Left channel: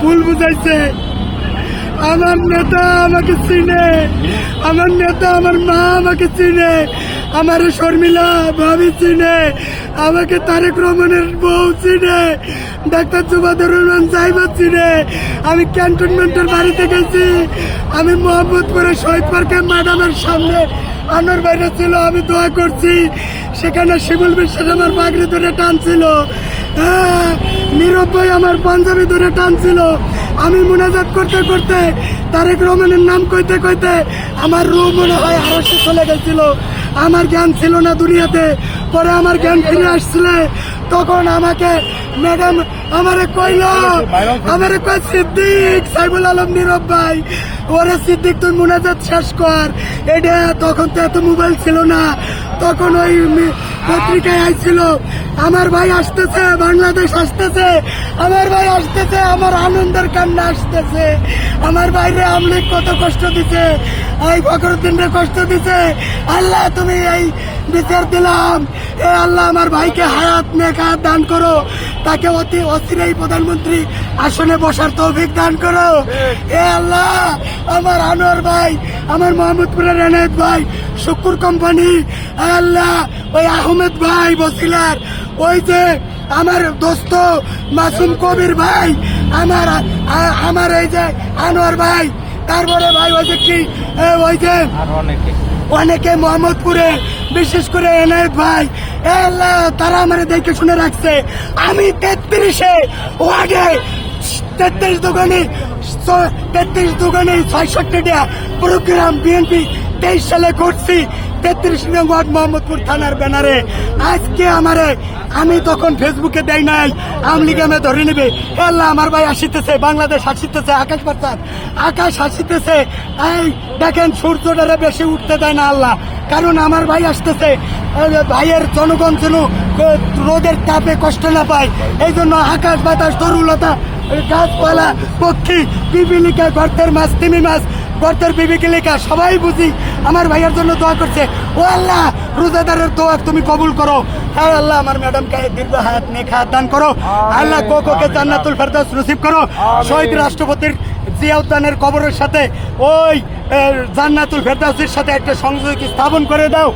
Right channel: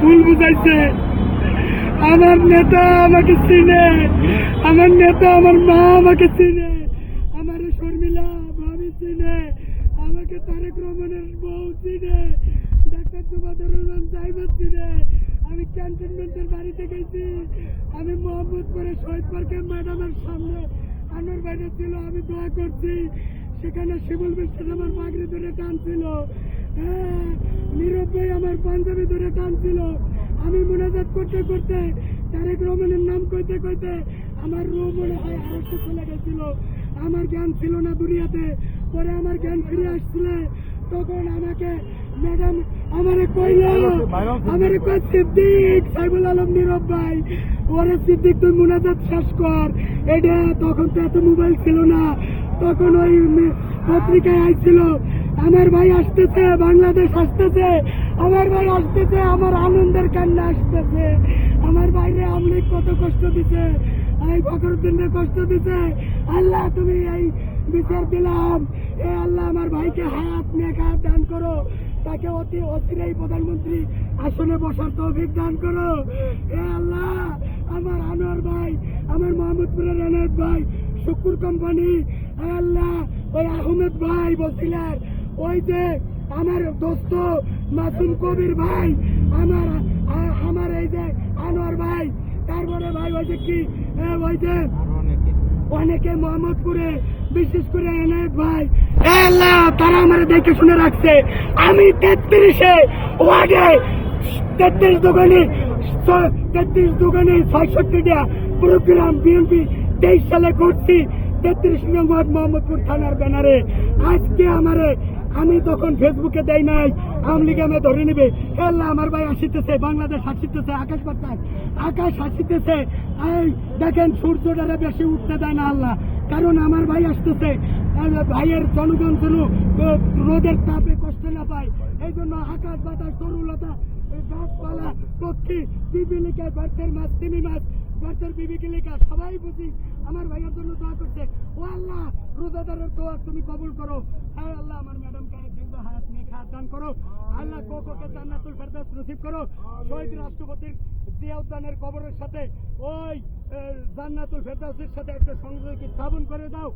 ভুল বুঝাইছে। আমার নেতা আমাকে চিনে। আমার নেতা আমার মা আমাকে চিনে। আমার শর্মিলা ভাবি চিনে। আমাকে তারেক রহমানের বউ চিনে। ডাক্তার জুবাদুর রহমান সাহেবা চিনে। আমি ক্যান্টনমেন্টের বাড়িতে গেছি। আমি মোহাম্মদপুরে শহীদ পার্কে ম্যাডামের সামনে আনোর বাইরে ছিল। আমি দোয়া করছি। সেখানে শিবুল বিশ্বাস আমার পাগড়ি ধরে টানছিল। হ্যাঁ, নীরব ভাই আমার পাঞ্জাবি ধরে টানছিল। আমি মোনাজাত করতে করতে তারেক রহমানের নাম কইতে কইতে আমার রু মনে হয় আরসে চলে গেছিল। আমার জ্ঞান ছিল না দুনিয়াতে। পরে আমার জ্ঞান ফিরে আসছিলে। তখন আমাকে ম্যাডাম আমারে কইল, আমারে কই সিদ্দিক সাইবুল আলম নীরব ভাই, ওরে সিদ্দিক তুই মোনাজাত শেষ কর। এটা তখন তো এত মোবাইল ছিল না। তখন ওই পত্রিকায় আইছিল আমার ভাই আসতেছে, বাংলাদেশ আসতেছে। আমার ভাই আসতেছে, আমার আনন্দের কান্না আসতেছে। আমার বাইরে আমলিক কত কষ্ট দিছে, এই ফখরুদ্দিনরে কষ্ট দিছে। আল্লাহ, তুমি এই বিচার দিলাম। এ আল্লাহ, আমার ভাইকে হায়াত হায়াত দান করো। তাকে অতি অচিরেই প্রধানমন্ত্রী আসনে বসার তৌফিক দান করো। এ আল্লাহ, আমার আনোয়ার ভাই, আমার মোহাম্মদপুরের এনায়েত ভাই শুকুর কোম্পানি। আল্লাহ, ওই আহমেদ ভাই বসিলার ওই যে আমার দোস্ত মাসুম কবির ভাই, আমার আমার এই যে আনোয়ার ভাই তারপরে ভাই ওই যে কি ওই যে অনেকে মোহাম্মদপুরে, বিশেষ করে এনায়েত ভাই। আল্লাহ, তারা আমার দেখে শুনে রাখছে। আমি তেত্রিশে ওয়ার্ডে তেত্রিশ দোকানে তেত্রিশ দোকানে ছয়ষট্টিটা প্রোগ্রাম বিএনপি তেইশ সালে করছি। তেত্রিশ নং ওয়ার্ড মোহাম্মদপুর থানার ব্যানারে। আজকে আমারে, আমি তখন ফেসবুকে দেয় নাই, আওয়ামী লীগ আমি ধরে নেবে। আল্লাহ আমার ভাই আসিতেছে, বাংলাদেশ আসিতেছে, আকাশ পাতার আকাশ আসিতেছে, এই দেখেন সূর্যটারে বেশি উঠতে দেয় না আল্লাহ। কারণ আমার ভাই আসতেছে ভাইয়ের জনগণ যেন রোদের তাপে কষ্ট না পায়। এই জন্য আকাশ বাতাস, তরুলতা গাছপালা, পক্ষী পিপিলিকা গর্তের মাছ, তিমি মাছ গর্তের বিবিকিলিকা সবাই বুঝি আমার ভাইয়ের জন্য দোয়া করছে। ও আল্লাহ রোজাদারের দোয়া তুমি কবুল করো। হ্যাঁ আল্লাহ আমার ম্যাডামকে দীর্ঘ হাত নেখা দান করো। আল্লাহ কোকোকে জান্নাতুল ফেরদাস নসিব করো। শহীদ রাষ্ট্রপতির জিয়াউদ্দানের কবরের সাথে ওই জান্নাতুল ফেরদাসের সাথে একটা সংযোগ স্থাপন করে দাও।